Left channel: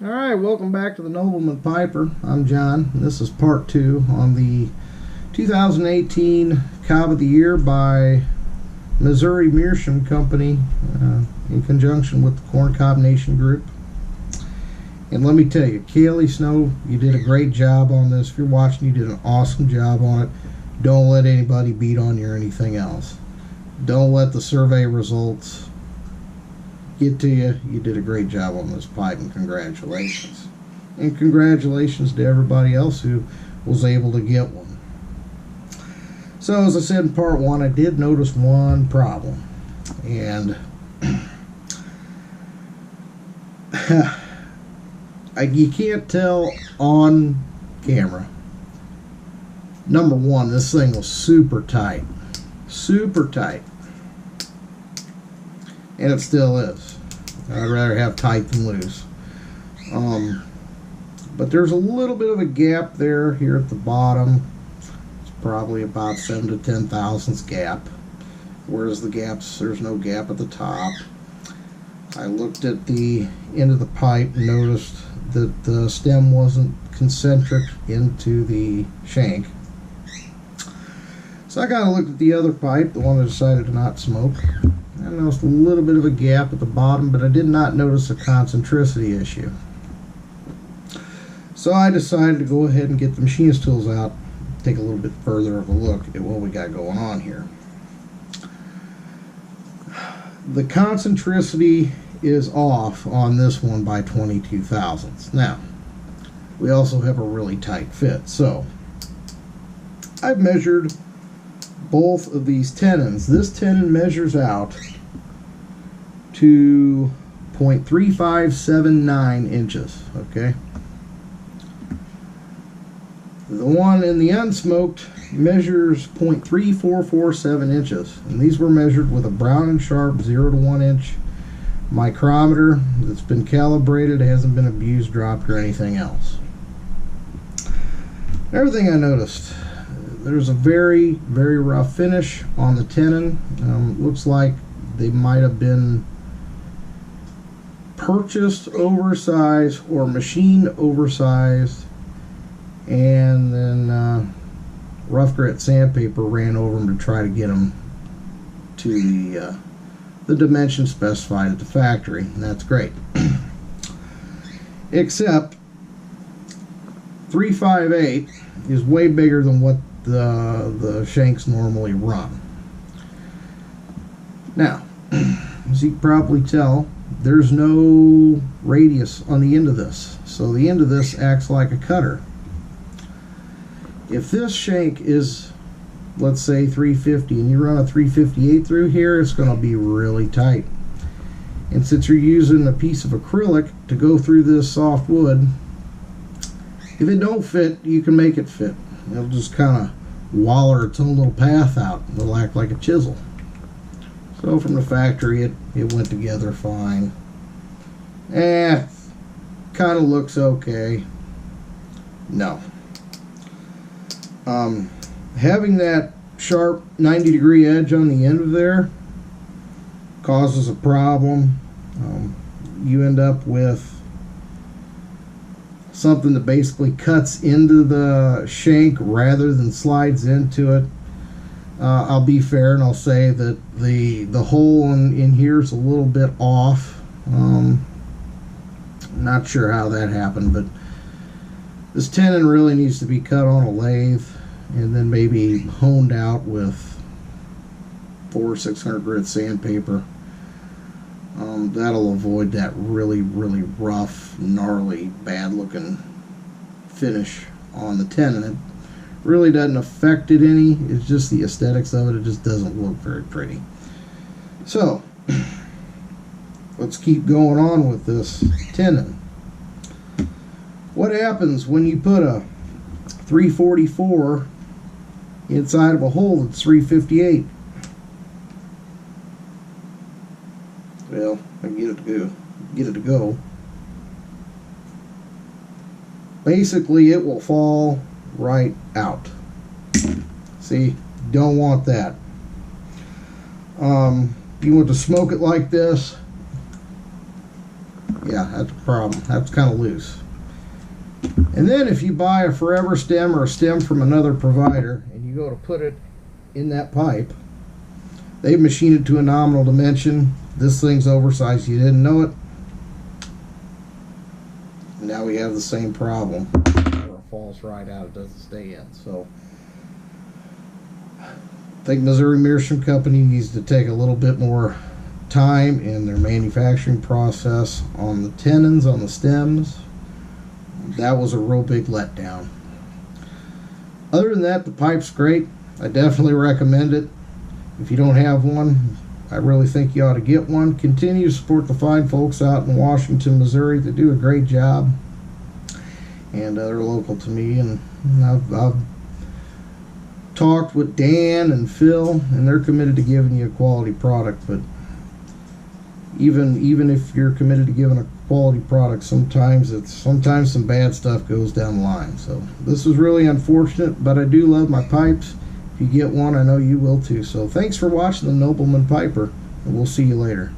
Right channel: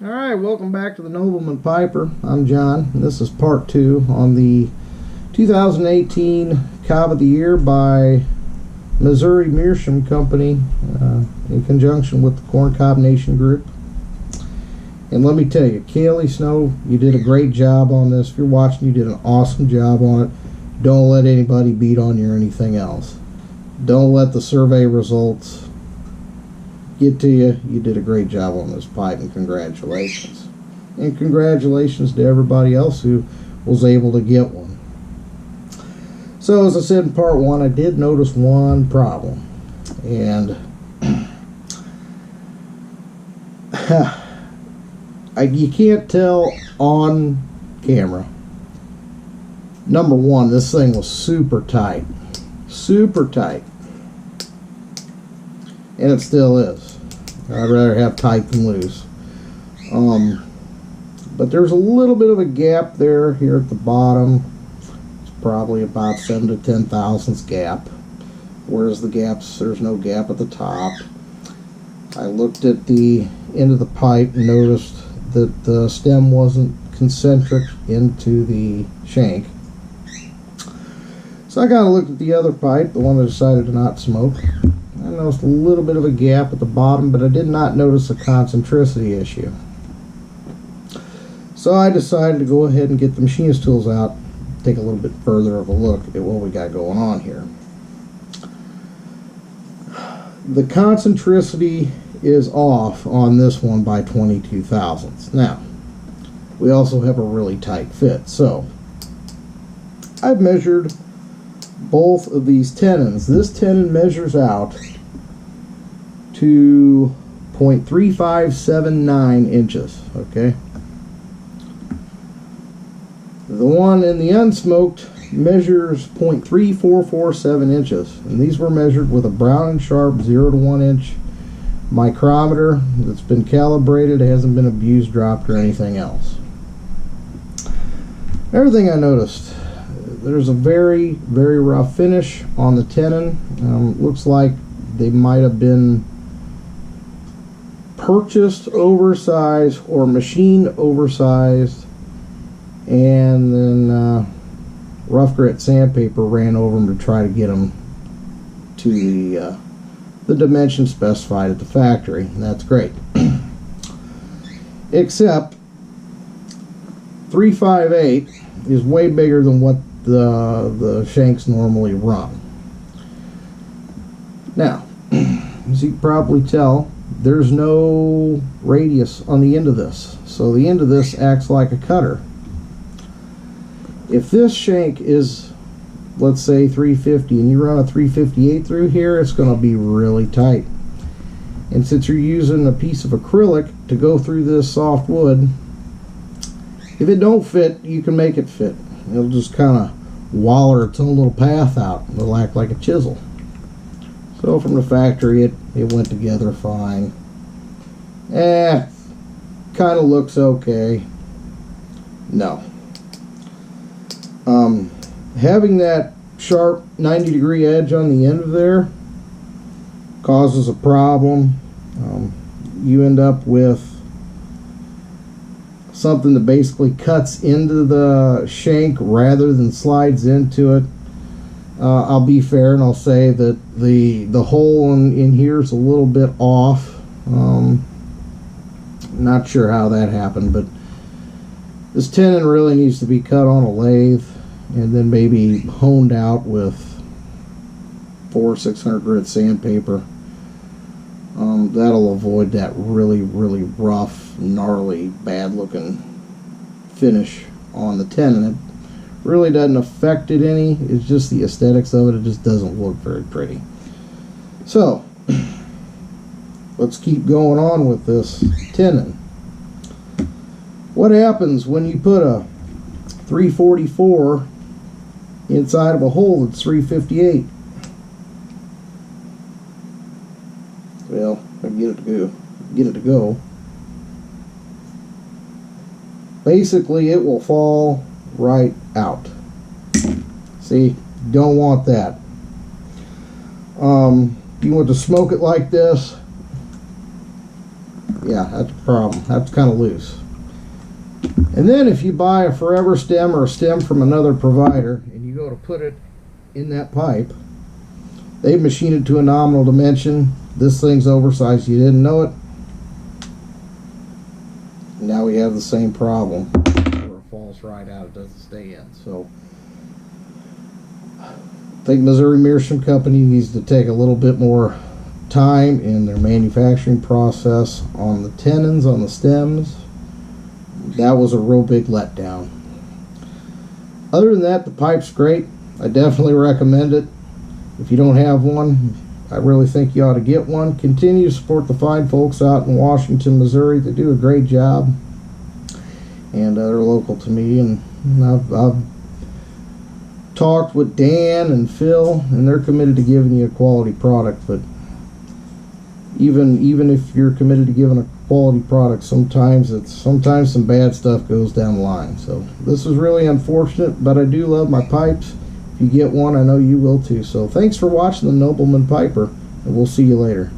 Alright, welcome back to the Nobleman Piper. I'm John, and this is part 2 on the 2018 Cob of the Year by Missouri Meerschaum Company in conjunction with the Corn Cob Nation Group. And let me tell you, Kaylee Snow, you did a great job on this. If you're watching, you did an awesome job on it. Don't let anybody beat on you or anything else. Don't let the survey results get to you. You did a great job on this pipe, and congratulations. And congratulations to everybody else who was able to get one. So as I said in part 1, I did notice one problem, and you can't tell on camera. Number one, this thing was super tight, and it still is. I'd rather have tight than loose. But there's a little bit of a gap there here at the bottom. It's probably about 7 to 10 thousandths gap. Whereas the gaps, there's no gap at the top. I looked at the end of the pipe and noticed that the stem wasn't concentric into the shank. So I kind of looked at the other pipe, the one that decided to not smoke. I noticed a little bit of a gap at the bottom, but I did not notice a concentricity issue. So I decided to go ahead and get the machinist tools out, take a little bit further of a look at what we got going on here. The concentricity is off on this one by 22 thousandths. Now, we also have a really tight fit. So I've measured both of these tenons. This tenon measures out to 0.3579 inches, okay? The one in the unsmoked measures 0.3447 inches, and these were measured with a Brown & Sharp 0 to 1 inch micrometer that's been calibrated. It hasn't been abused, dropped, or anything else. Everything I noticed, there's a very, very rough finish on the tenon. Looks like they might have been purchased oversized or machined oversized, and then rough grit sandpaper ran over them to try to get them to the dimension specified at the factory, and that's great. Except 358 is way bigger than what the shanks normally run. Now, as you can probably tell, there's no radius on the end of this, so the end of this acts like a cutter. If this shank is, let's say, 350 and you run a 358 through here, it's going to be really tight. And since you're using a piece of acrylic to go through this soft wood, if it don't fit, you can make it fit. It'll just kind of waller its own little path out. It'll act like a chisel. So from the factory, it went together fine. Kind of looks okay. No. Having that sharp 90-degree edge on the end of there causes a problem. You end up with something that basically cuts into the shank rather than slides into it. I'll be fair and I'll say that the hole in here is a little bit off. Not sure how that happened, but this tenon really needs to be cut on a lathe and then maybe honed out with 400 or 600 grit sandpaper. That'll avoid that really, really rough, gnarly, bad looking finish on the tenon. It really doesn't affect it any. It's just the aesthetics of it. It just doesn't look very pretty. So let's keep going on with this tenon. What happens when you put a 344 inside of a hole that's 358? Well, I get it to go. Basically, it will fall right out. See, don't want that. You want to smoke it like this, Yeah, that's a problem. That's kind of loose. And then if you buy a forever stem or a stem from another provider and you go to put it in that pipe, they machine it to a nominal dimension. This thing's oversized. You didn't know it. Now we have the same problem where it falls right out. It doesn't stay in. So I think Missouri Meerschaum Company needs to take a little bit more time in their manufacturing process on the tenons, on the stems. That was a real big letdown. Other than that, the pipe's great. I definitely recommend it. If you don't have one, I really think you ought to get one. Continue to support the fine folks out in Washington, Missouri. They do a great job, and they're local to me. And I've talked with Dan and Phil, and they're committed to giving you a quality product. But even if you're committed to giving a quality product, sometimes some bad stuff goes down the line. So this is really unfortunate, but I do love my pipes. If you get one, I know you will too. So thanks for watching the Nobleman Piper, and we'll see you later.